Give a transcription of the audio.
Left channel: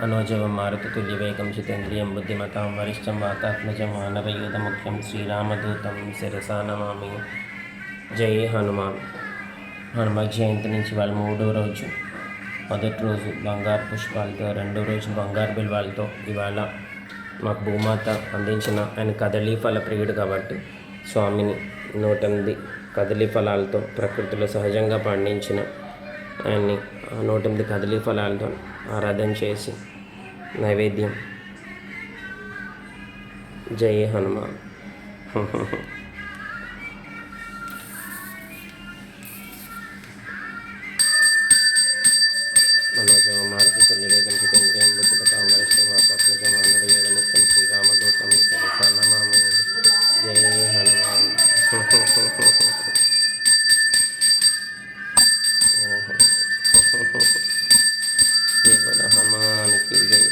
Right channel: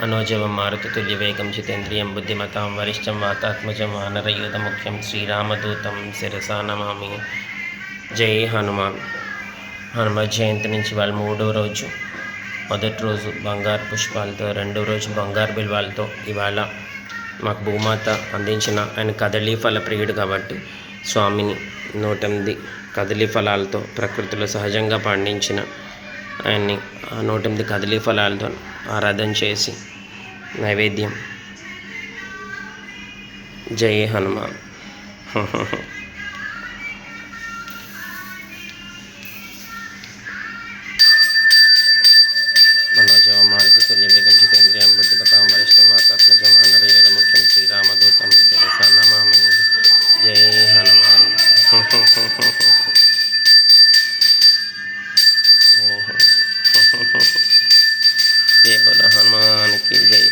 मनोजवं मारुततुल्यवेगं जितेन्द्रियं बुद्धिमतां वरिष्ठं वातात्मजं वानरयूथमुख्यं శ్రీరామదూతం శిరసా నమామి. జై హనుమాన్. హనుమత్ జయంతి నుంచి వాళ్ళ 3వ రోజు. మొదటి రోజు బంగారు పుష్పాలతో, రెండవ రోజు బంగారు బిల్వాలతో ఇవాళ మాకు భూమాత అందించిన ఆయన కదలీ ఫల ప్రియుడు కాబట్టి స్వామిని 108 కదలీ ఫలాలతో ప్రకృతిలో సహజంగా పండించిన ఆయన్ని 108 కదలీ ఫలాలతో ఆరాధన చేసి నైవేద్యం. జై హనుమాన్. మనోజవ మారుతి తుల్యవేగం జితేంద్రియం బుద్ధిమతాం వరిష్టం వాతాత్మజం వానరయూథముఖ్యం శ్రీరామదూతం శిరసా నమామి. జై హనుమాన్. జై బోలో హనుమాన్ కి జై.